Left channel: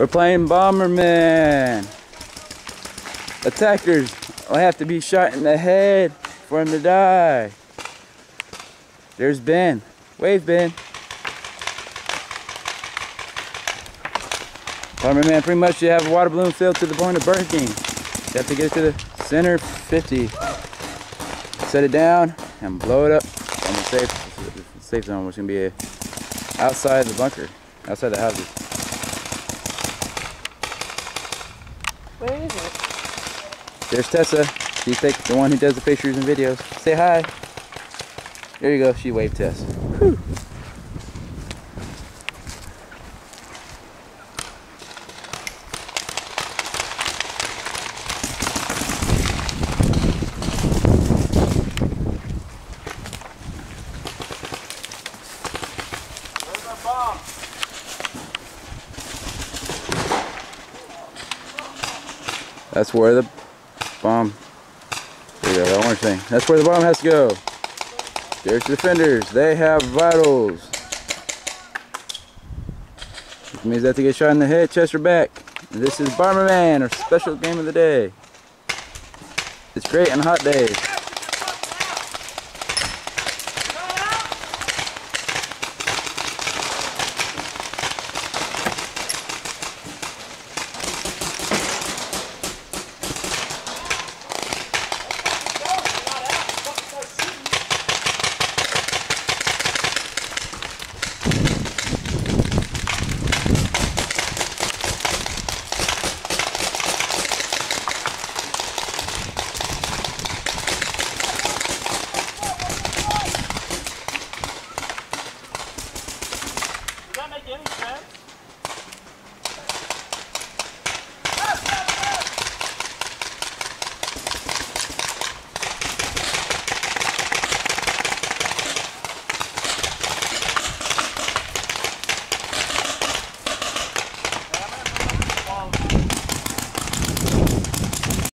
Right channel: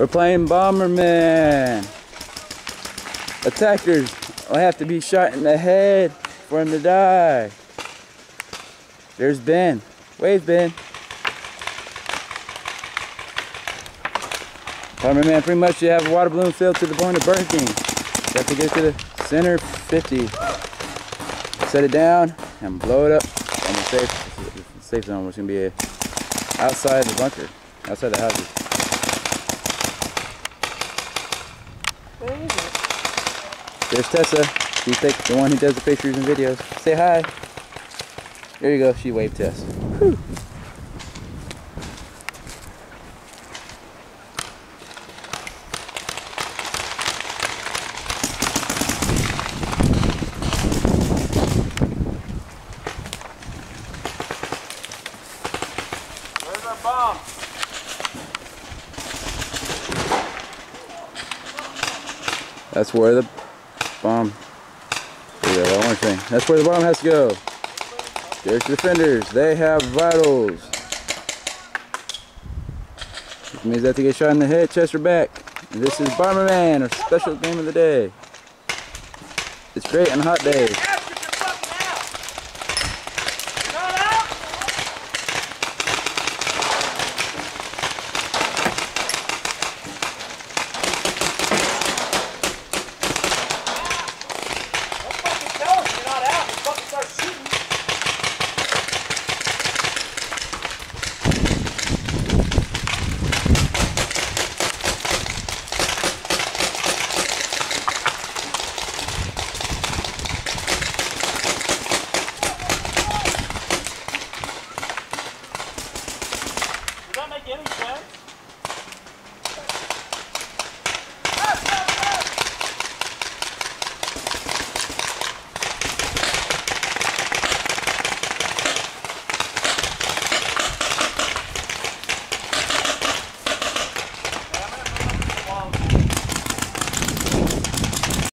We're playing Bomberman. Attackers will have to be shot in the head for him to die. There's Ben. Wave, Ben. Bomberman pretty much you have a water balloon filled to the point of bursting. You have to get to the center 50. Set it down and blow it up on the safe zone, which is going to be outside the bunker, outside the houses. Where is it? There's Tessa. She's the one who does the pictures and videos. Say hi. There you go. She waved Tess. Whew. Where's our bomb? That's where the bomb. There you go, that orange thing. That's where the bomb has to go. There's the defenders. They have vitals. Which means they have to get shot in the head, chest, or back. And this is Bomberman, our special game of the day. It's great on hot days.